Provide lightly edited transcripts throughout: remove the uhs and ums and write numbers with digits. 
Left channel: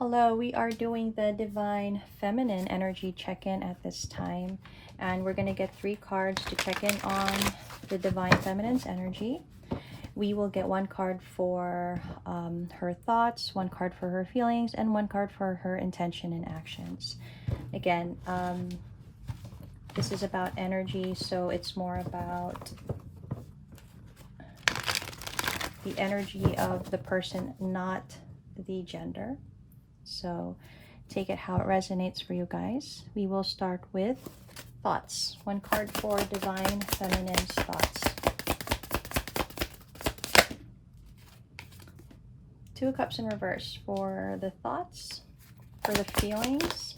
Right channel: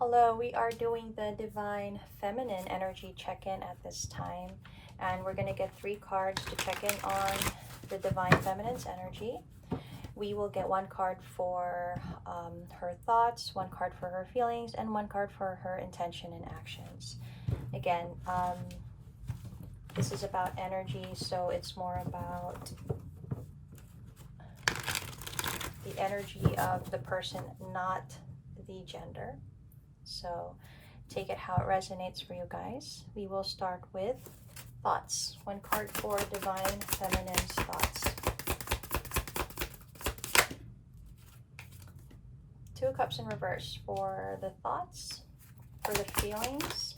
Hello, we are doing the Divine Feminine Energy check-in at this time. And we're going to get 3 cards to check in on the Divine Feminine's energy. We will get 1 card for her thoughts, 1 card for her feelings, and 1 card for her intention and actions. Again, this is about energy, so it's more about the energy of the person, not the gender. So take it how it resonates for you guys. We will start with thoughts. 1 card for Divine Feminine's thoughts. 2 cups in reverse for the thoughts, for the feelings.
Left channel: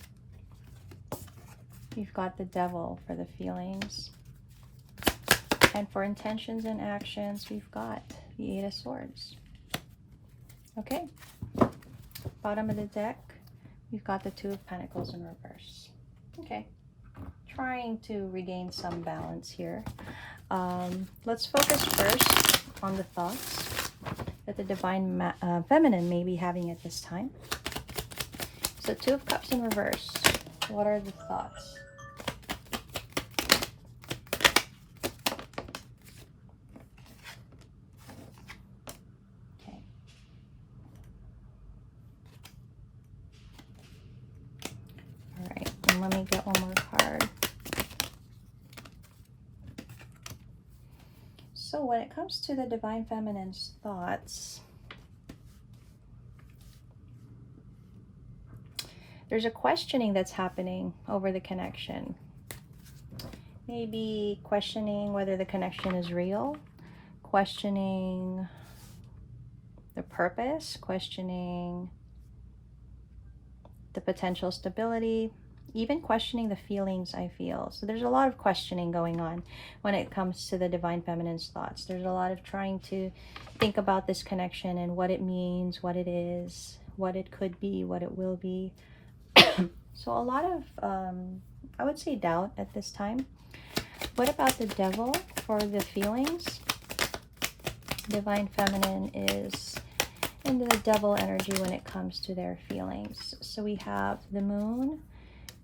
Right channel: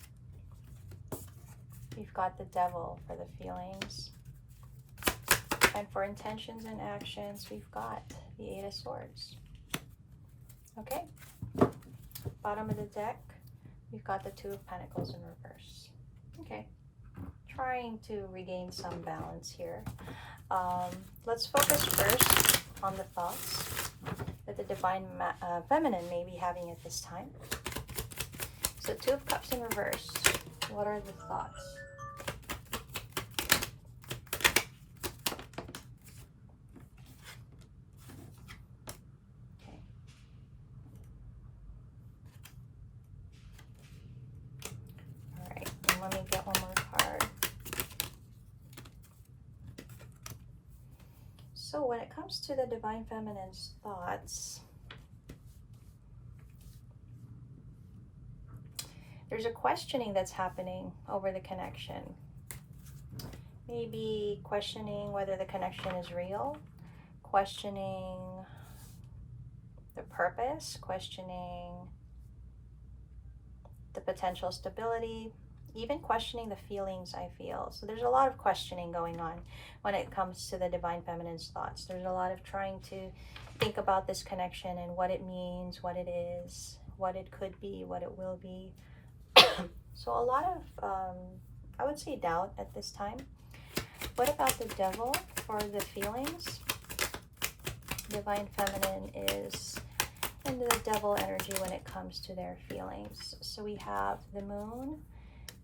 We've got the Devil for the feelings. And for intentions and actions, we've got the 8 of Swords. Okay. Bottom of the deck, we've got the 2 of Pentacles in reverse. Okay. Trying to regain some balance here. Let's focus first on the thoughts that the Divine Feminine may be having at this time. So 2 of Cups in reverse. What are the thoughts? So when it comes to the Divine Feminine's thoughts, there's a questioning that's happening over the connection. Maybe questioning whether the connection is real, questioning the purpose, questioning the potential stability, even questioning the feelings I feel. So there's a lot of questioning going on when it comes to the Divine Feminine's thoughts. There's a lot of trying to think about this connection and what it means, what it is, what it could be, what it will be. So a lot of, I would say, doubt at this time. What about the Devil for the feelings? Divine Feminine is in the Devil energy when it comes to their feelings. So we have the Moon,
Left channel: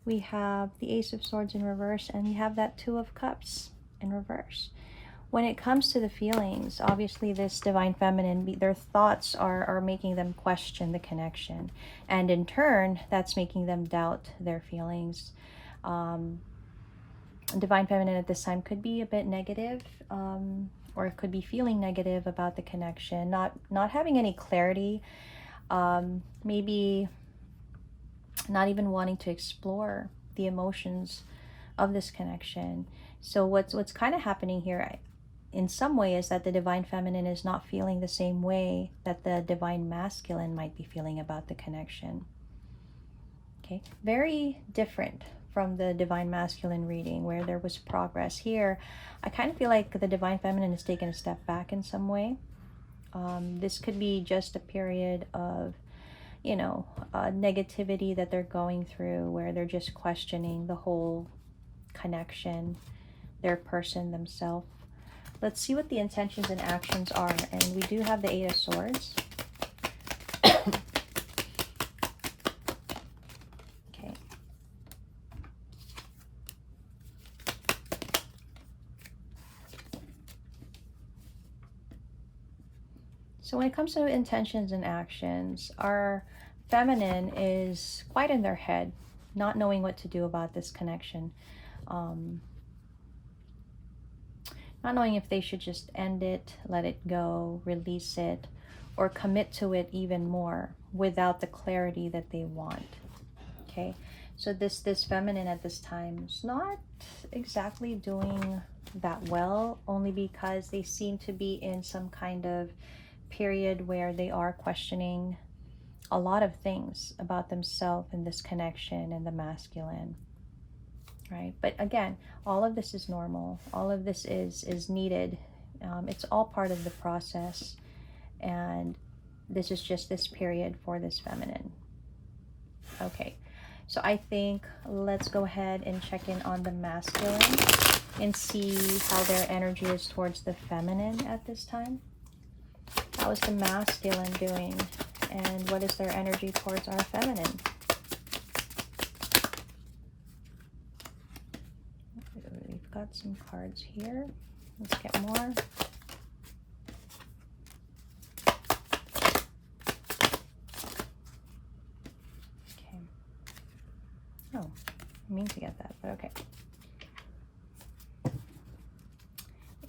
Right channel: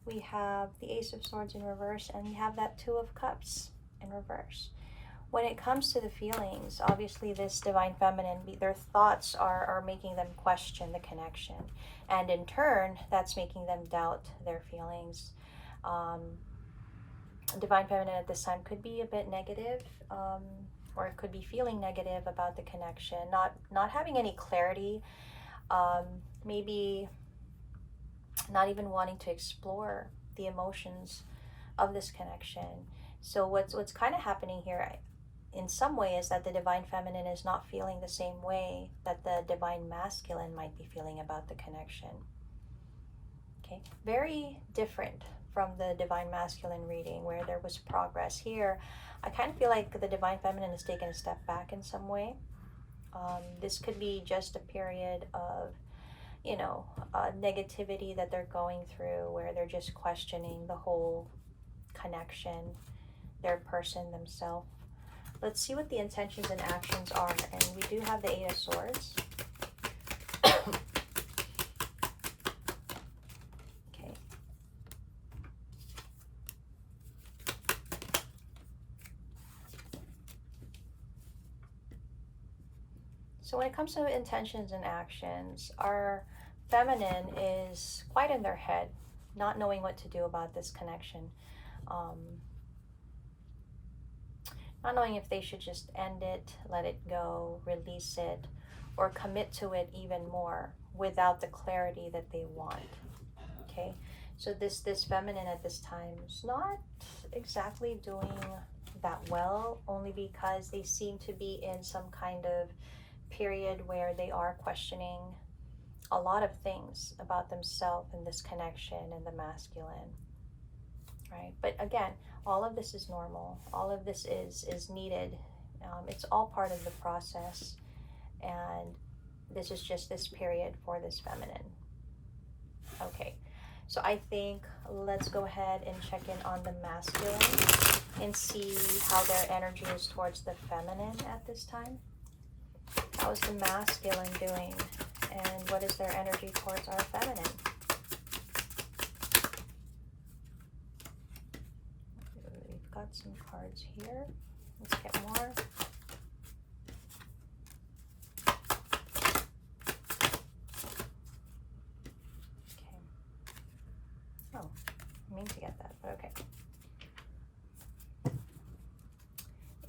we have the Ace of Swords in reverse, and we have that 2 of Cups in reverse. When it comes to the feelings, obviously this Divine Feminine, their thoughts are making them question the connection. And in turn, that's making them doubt their feelings. Divine Feminine at this time could be a bit negative, or it could be feeling negative about the connection, not having any clarity, maybe not even wanting to explore the emotions of this connection. So what's kind of happening here in some way is that the Divine Feminine is not feeling the same way that the Divine Masculine might be feeling about the connection. Okay, very different from the Divine Masculine reading where there was progress. Here, I kind of feel like the Divine Feminine has taken a step back in some way. This could be just a period of negativity that they're going through where they're just questioning the whole connection, their person, themselves. Let's see what the intentions and actions are. And we do have the 8 of Swords. Okay. So when it comes to intentions and actions, our Feminine is quite in their head, not knowing what to do about this connection. Not knowing if they should just end it, let it go, release it, or commit to it even more without the clarity that they want. Okay, so this Feminine at this time is not exactly doing that well, only because they seem to be in some kind of period where they are questioning a lot of things about themselves and this connection and the masculine, right? But again, all of this is normal. All of this is needed. It's all part of the process, and this is just this period for this Feminine. Okay, so I think let's go ahead and check in on the masculine and see how their energy is towards the Feminine at this time. How is the masculine doing? and what is their energy towards our feminine. We've got some cards here. Let's get more. Okay. Oh, I mean to get that, but okay.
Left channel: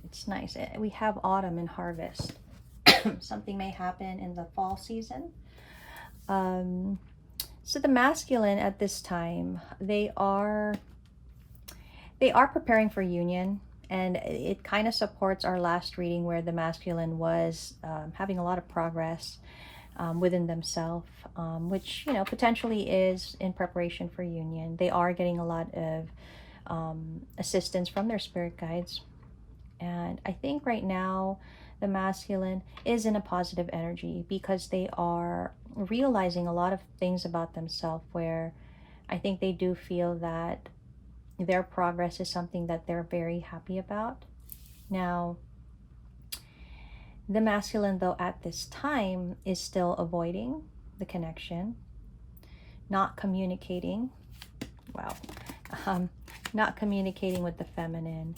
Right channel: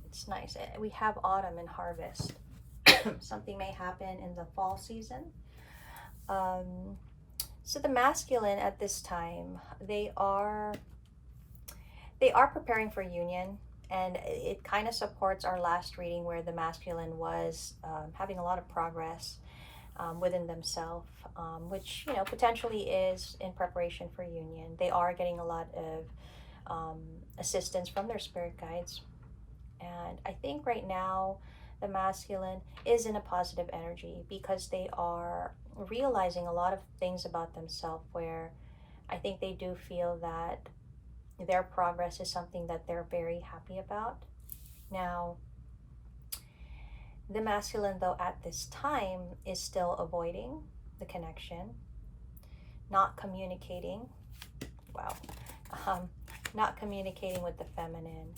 It's nice. We have autumn and harvest. Something may happen in the fall season. So the masculine at this time, they are preparing for union, and it kind of supports our last reading where the masculine was having a lot of progress within themselves, which, you know, potentially is in preparation for union. They are getting a lot of assistance from their spirit guides, and I think right now the masculine is in a positive energy because they are realizing a lot of things about themselves, where I think they do feel that their progress is something that they're very happy about. Now, the masculine, though, at this time is still avoiding the connection, not communicating, not communicating with the feminine.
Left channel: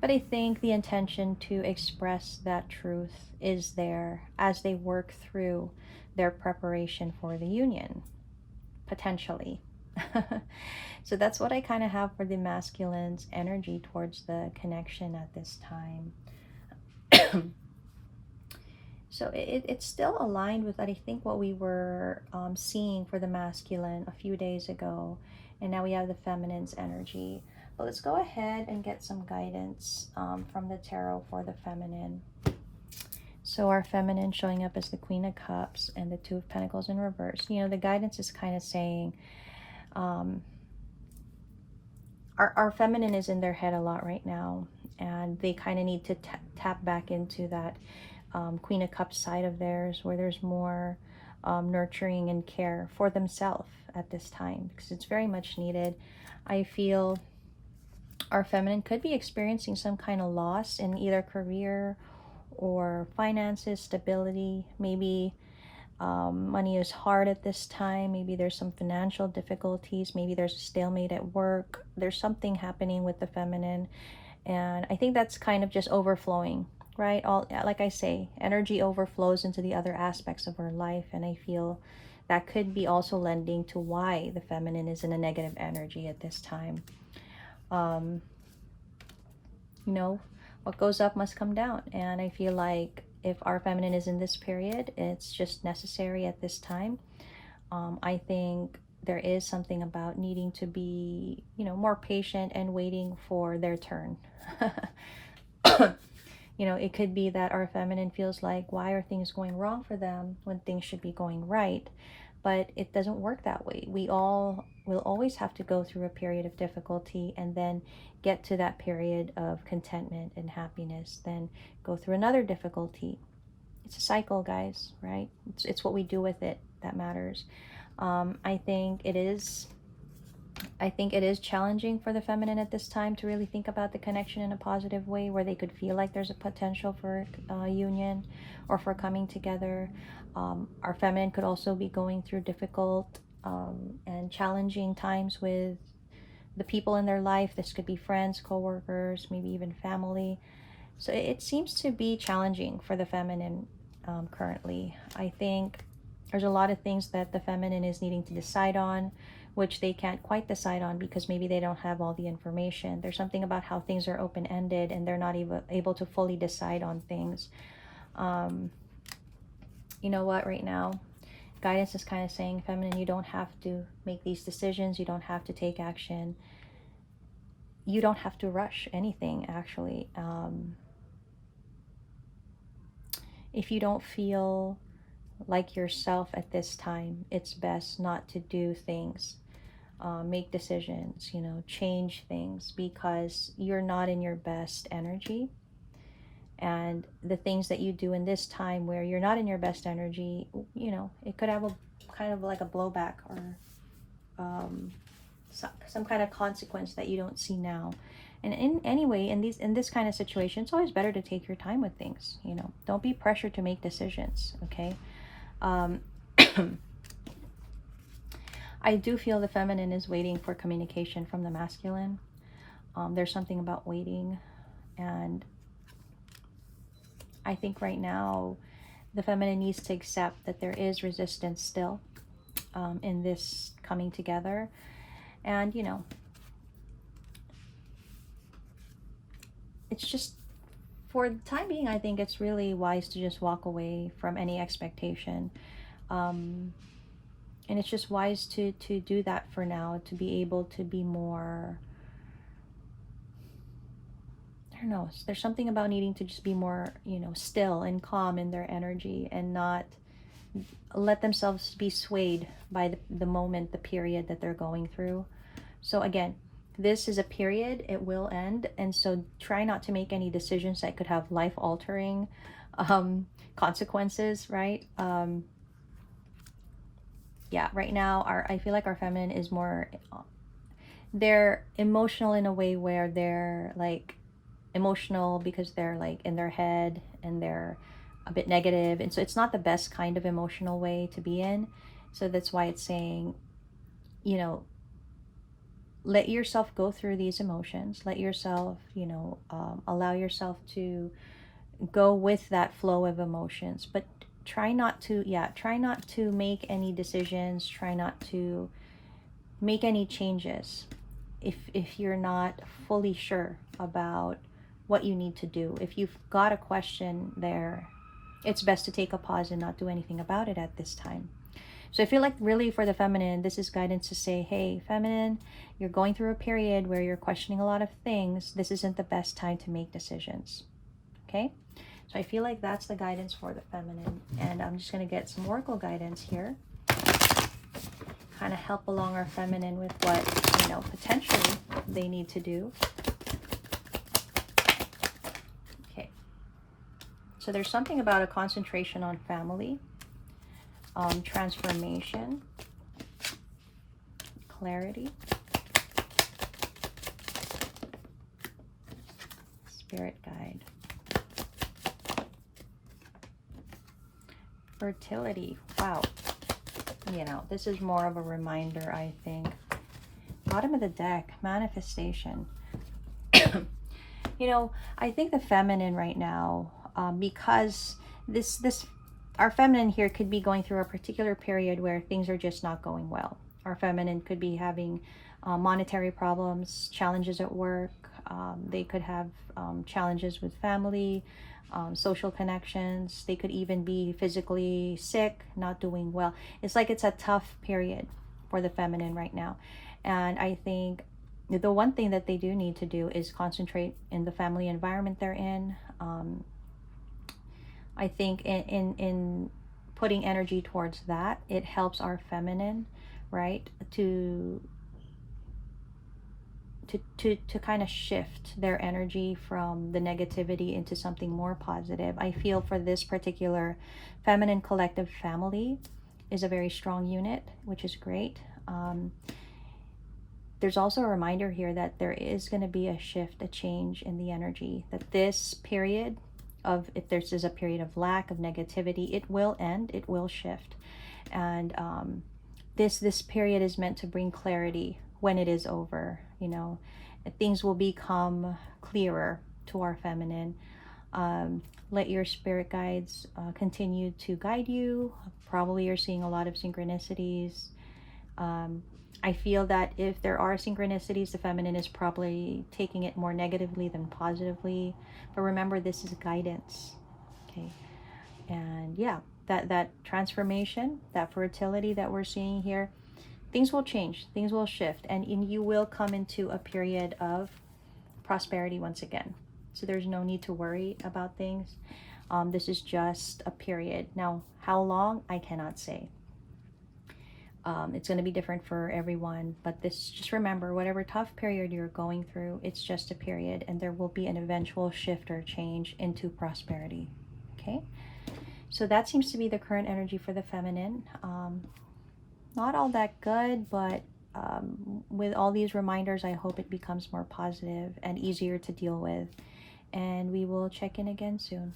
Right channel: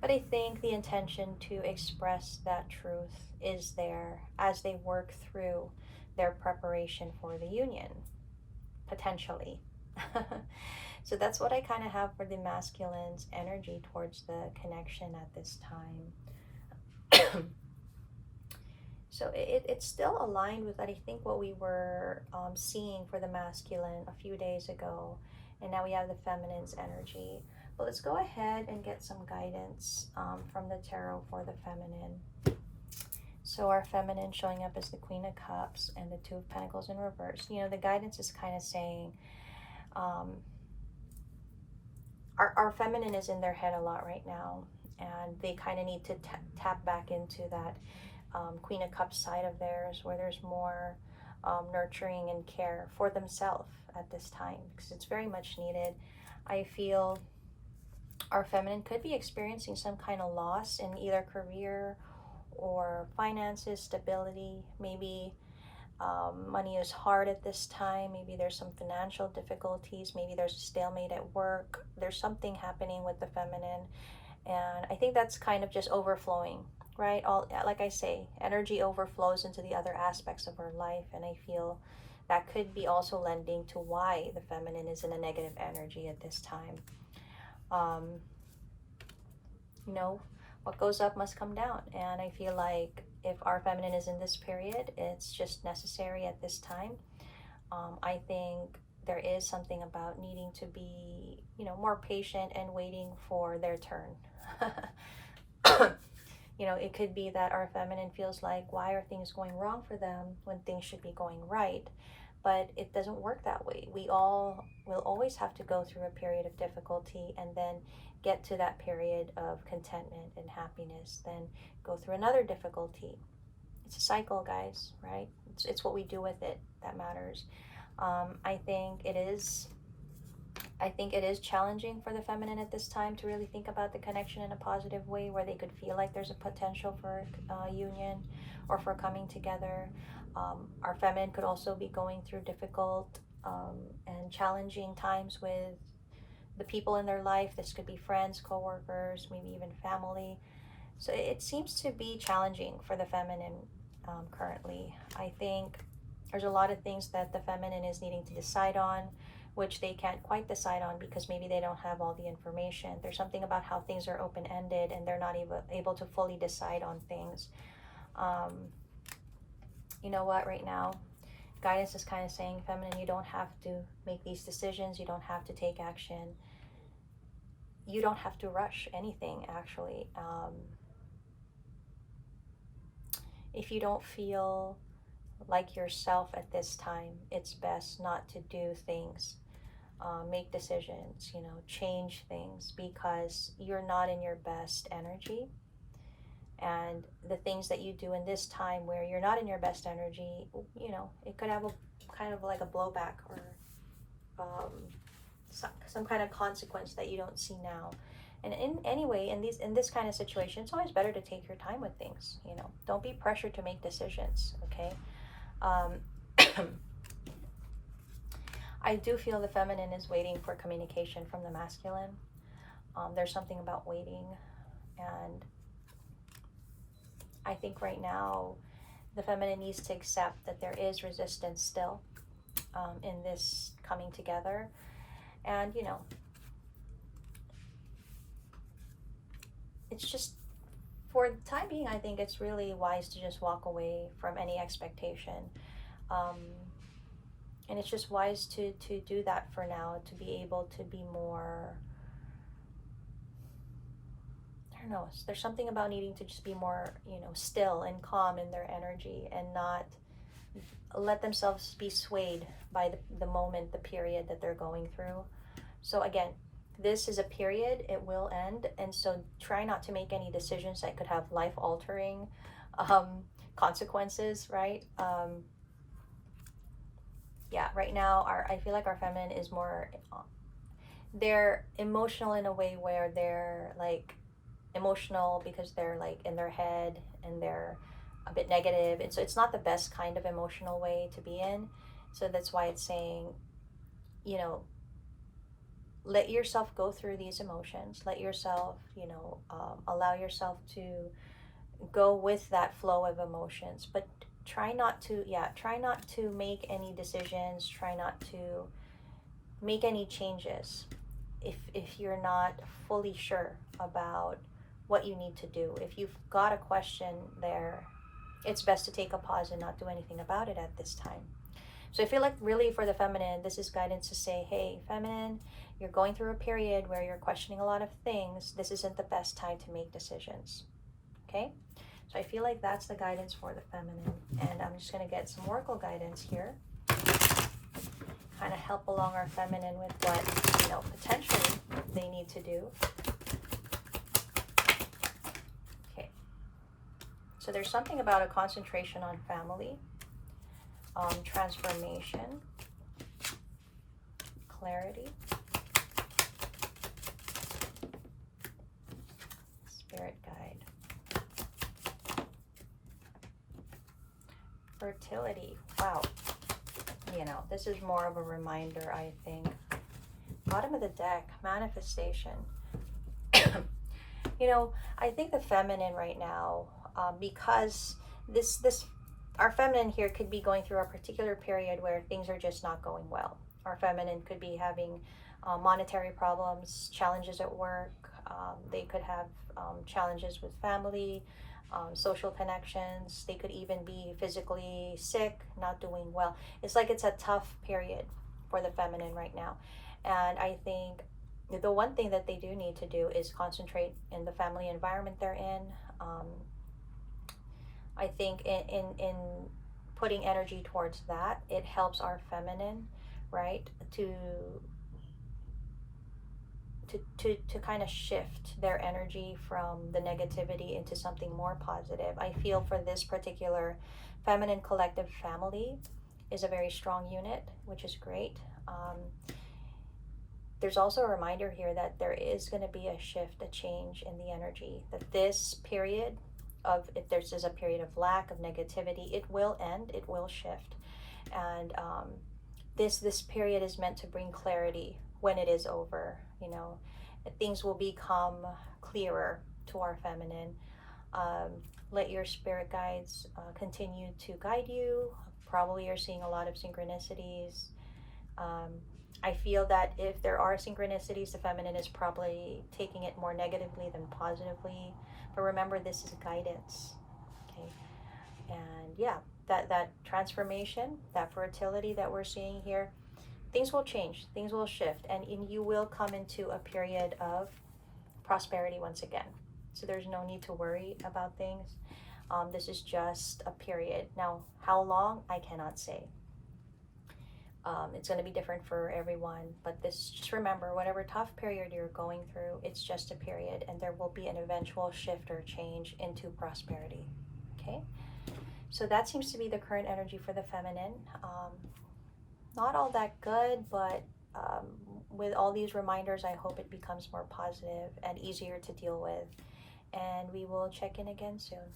But I think the intention to express that truth is there as they work through their preparation for the union, potentially. So that's what I kind of have for the masculine's energy towards the connection at this time. So it's still aligned with, I think, what we were seeing for the masculine a few days ago. And now we have the feminine's energy. But let's go ahead and get some guidance from the tarot for the feminine. So our feminine showing up as the Queen of Cups and the Two of Pentacles in reverse. You know, the guidance is kind of saying our feminine is in their head a lot right now, and they kind of need to tap back into that Queen of Cups side of theirs, where there's more nurturing and care for themselves at this time, because it's very much needed. I feel our feminine could be experiencing some kind of loss in either career or finances, stability. Maybe money is hard at this time. Maybe there's some financial difficulties. Maybe there's a stalemate at work. There's something happening with the feminine, and I think that's kind of just overflowing, right? All, like I say, energy overflows into the other aspects of our life, and I feel that could be also lending to why the feminine is in a negative energy at this time. You know, what goes up must come down, and I feel like if our feminine is in this period, it's just necessary at this time. I think there is something about needing to be, you know, more patient and waiting for their turn. You know, it could be that our feminine feels like, why are things going wrong for them when things should be going right? But it doesn't work that way. We all will always have to go through a period of difficulty and then get to that period of contentment and happiness, then go through another difficulty. It's a cycle, guys, right? It's what we do with it that matters. I think it is challenging for the feminine at this time to really think about the connection in a positive way, where they could feel like there's a potential for union or for coming together. Our feminine could also be going through difficult and challenging times with the people in their life. This could be friends, co-workers, maybe even family. So it seems to be challenging for the feminine currently. I think there's a lot of things that the feminine is needing to decide on, which they can't quite decide on because maybe they don't have all the information. There's something about how things are open-ended and they're not even able to fully decide on things. You know what, right now, guidance is kind of saying, feminine, you don't have to make these decisions. You don't have to take action. You don't have to rush anything, actually. If you don't feel like yourself at this time, it's best not to do things, make decisions, you know, change things, because you're not in your best energy. And the things that you do in this time where you're not in your best energy, you know, it could have a kind of like a blowback or some kind of consequence that you don't see now. And anyway, in this kind of situation, it's always better to take your time with things. You know, don't be pressured to make decisions. Okay. Um, I do feel the feminine is waiting for communication from the masculine. There's something about waiting, and I think right now the feminine needs to accept that there is resistance still in this coming together. And you know, it's just, for the time being, I think it's really wise to just walk away from any expectation. Um, and it's just wise to do that for now, to be able to be more, I don't know, there's something about needing to just be more, you know, still and calm in their energy, and not let themselves be swayed by the moment, the period that they're going through. So again, this is a period, it will end, and so try not to make any decisions that could have life altering consequences, right? Yeah, right now I feel like our feminine is more, they're emotional in a way where they're like emotional because they're like in their head and they're a bit negative, and so it's not the best kind of emotional way to be in. So that's why it's saying, you know, let yourself go through these emotions, let yourself, you know, allow yourself to go with that flow of emotions, but try not to, yeah, try not to make any decisions, try not to make any changes if you're not fully sure about what you need to do. If you've got a question there, it's best to take a pause and not do anything about it at this time. So I feel like really for the feminine, this is guidance to say, hey, feminine, you're going through a period where you're questioning a lot of things. This isn't the best time to make decisions. Okay? So I feel like that's the guidance for the feminine. And I'm just going to get some oracle guidance here. Kind of help along our feminine with what, you know, potentially they need to do. Okay. So there's something about a concentration on family, transformation, clarity, spirit guide, fertility. Wow. You know, this is more of a reminder, I think. Bottom of the deck, manifestation. You know, I think the feminine right now, because this our feminine here could be going through a particular period where things are just not going well. Our feminine could be having monetary problems, challenges at work. They could have challenges with family, social connections. They could even be physically sick, not doing well. It's like it's a tough period for the feminine right now. And I think the one thing that they do need to do is concentrate in the family environment they're in. I think in putting energy towards that, it helps our feminine, right, to kind of shift their energy from the negativity into something more positive. I feel for this particular feminine collective family is a very strong unit, which is great. There's also a reminder here that there is going to be a shift, a change in the energy, that this period of, if there's a period of lack, of negativity, it will end, it will shift. And this period is meant to bring clarity when it is over. You know, things will become clearer to our feminine. Let your spirit guides continue to guide you. Probably you're seeing a lot of synchronicities. I feel that if there are synchronicities, the feminine is probably taking it more negatively than positively. But remember, this is guidance. Okay. And yeah, that transformation, that fertility that we're seeing here, things will change, things will shift, and you will come into a period of prosperity once again. So there's no need to worry about things. This is just a period. Now, how long, I cannot say. It's going to be different for everyone, but this, just remember, whatever tough period you're going through, it's just a period, and there will be an eventual shift or change into prosperity. Okay, so that seems to be the current energy for the feminine. Not all that good, but with all these reminders, I hope it becomes more positive and easier to deal with. And we will check in again soon.